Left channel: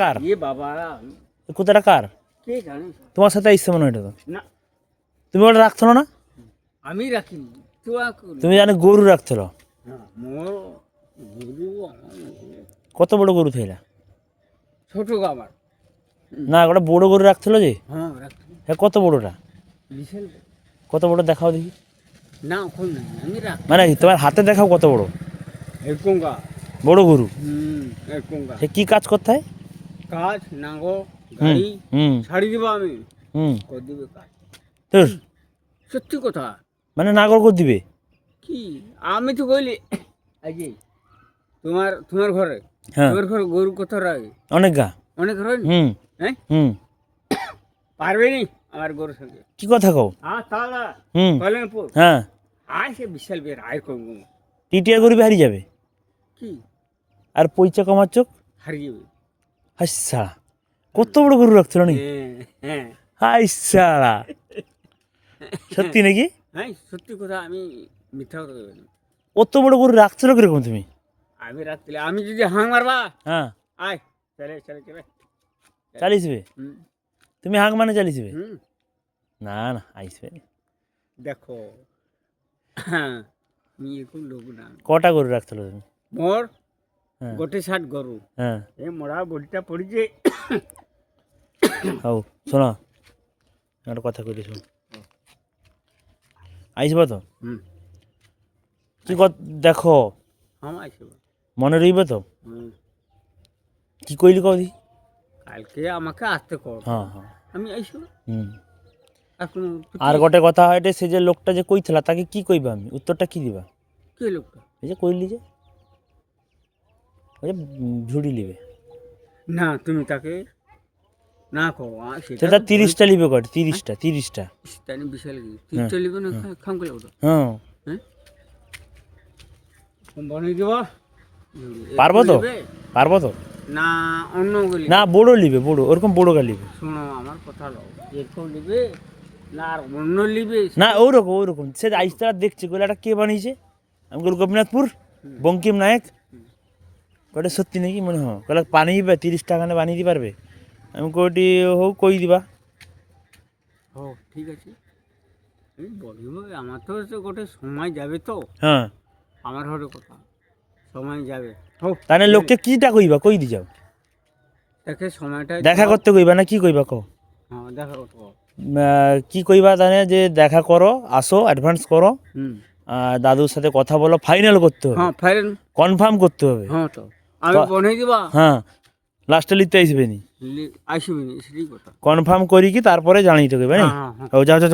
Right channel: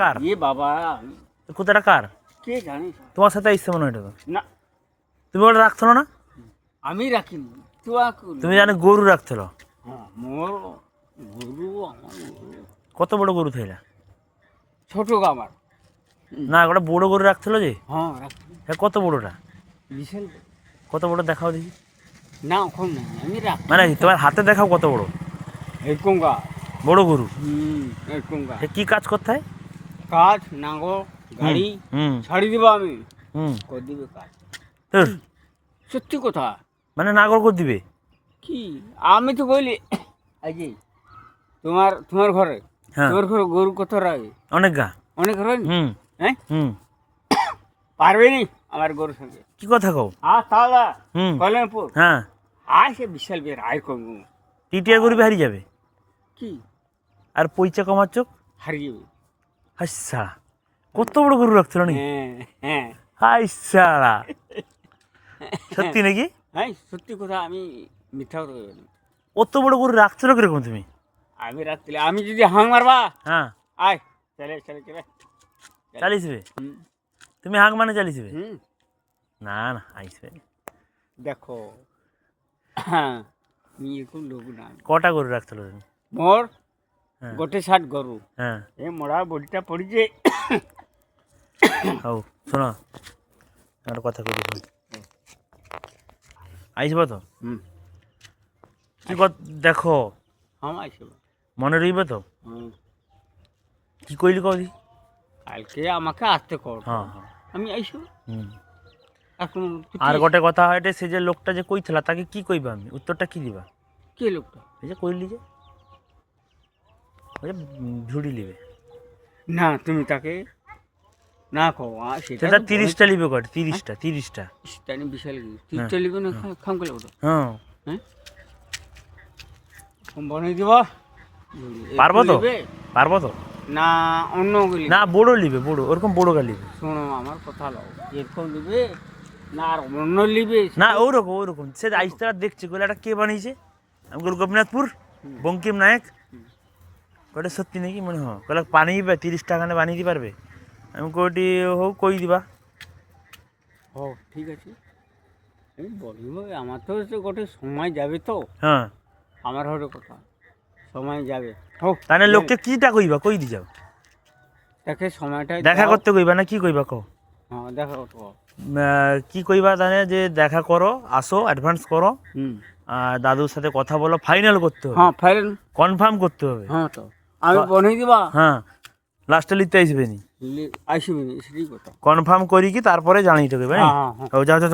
কার এ বাবা কুত্তাটা কার? কে জানে? তোমার সাথে আসছে মনে হয় এটা তো। না তুমি ওটা রাখছো না? আমি রাখিনি তুমি জানো গরু রাখছিল। হ্যাঁ মোর গরু আমার গরু। কত বড় গরু থাইলা? ছোট আমার না ওটা বড় গরু রাখছিল যে। হ্যাঁ রাখছি হ্যাঁ কত বড়টা? বিশাল কত বড় দেখাও দেখি। না ওখানে নাই আমি রাখি মানে তোমার হাতে দেখাও কত বড় এরকম গা বড় গরু। এরকম গা সে কি কাজ করতে হয়? কাঠ নাঙ্গল গাড়ি হুম ছাড়ি দেবো আমি হুম করে দিবে কাজ তোর সত্যি কথা মানে নাগর করে দিবে? কি আমি তো বলি আজকে তোমার তোমার ঘরে হ্যাঁ তোমার ঘরে গরু কত রাখে অনেক গা। অনেক হয় নি? হুম হ্যাঁ হুম পারবে নি আমার গরুর সঙ্গে কি কথা কও? হ্যাঁ তাহলে হুম কল্যাণপুর হ্যাঁ আর সে বিশাল বের আয় করবো টিটিয়া গরু হারিয়ে যাবে। কি আর পয়সা কমার চোখ হারিয়ে যাবে হাসা কত বড় গরু রাখছিল নাকি? হ্যাঁ হ্যাঁ হাসা সত্যি নাকি? হ্যাঁ সত্যি কথা আমি মিথ্যা কথা বলি না। অত বড় গরু রাখছিল কিরকম তুমি? আমি রাখলে আমি যদি হাং মারবা হ্যাঁ আয় চলে চলে চলে চালিয়েছিবে? হুম তুমি হাঁক মানে চালিয়েছিবে? হুম না না আইসবে। দেখো হ্যাঁ আমি এরকম লোক না কটা গরু রাখছিল তুমি? মোর হ্যাঁ গোটে ষাট গরু হ্যাঁ এ মোড়া বডিটা পড়িছে হও শোনো একটা কথা কই দেখুন আইসব তো হুম কি দেখো আমার আসবে মনে রইবে তো? হুম কি কইলি কদি? কালকে আমাকে আসতে কর হ্যাঁ হ্যাঁ আমি আইসব হুম আর কোনো আর গোটে কথা হয় সে যে লোকটা যে কইছিলা তাকে কি কইবা? আমি উত্তরটা কি দিবা? কে লোকটা এই যে কইলি যে ওই যে ঝুড়ি লিবে না তুমি তাকে না কো সেটা 30টা লিবে কট 30টা জানি বিশাল তিনটা লিবে না খাম করে ওটা হ্যাঁ হ্যাঁ বানিয়ে দেবা পারবো তো? পারবো তো? না অন্য গুলি না বড় লিবে বড় ওরকম বড় গা লিবে শোনো আমার কথা লাও এরকম লিবে না আর অন্য লিবে না ওরকম সে আইসটা দেখছে কইলে এটা কে বানিয়েছে? আমি বলি গোপীনাথপুর বঙ্কিম নায়ক। ওটা সত্যি নাকি মনে হয় কইলে পানি দিবে 30 টাকা বানিয়ে দিতে পারবে? আমি কইটি হোক কই দিবা। ও ঠিক আছে আমি বলিব আমার তো গোটে সময় যাবে তো হ্যাঁ আমার হলো কথা সময় যাবে হোক তাহলে লোককে কিটা কইবা কই দি যাও? দেখে সময়টা দেখা করতে কইবা না কি কইবা কও? হ্যাঁ দেখা করতে কি কইবা তাহলে যে দেখা করো আসো অ্যাডভান্স করো হুম আর দাদুর সাথে কথা বলো ফাইনাল করতে হবে হ্যাঁ ফাইলেন কনফার্ম করতে হবে। হ্যাঁ তো আমি বনাই দিবা হ্যাঁ লাস্টে লিখতে আসবে নি আসবে সেটাই কথা কনফার্ম করি কি তারপরে জানিয়ে দেবে। হ্যাঁ হ্যাঁ হ্যাঁ ও যাও যাও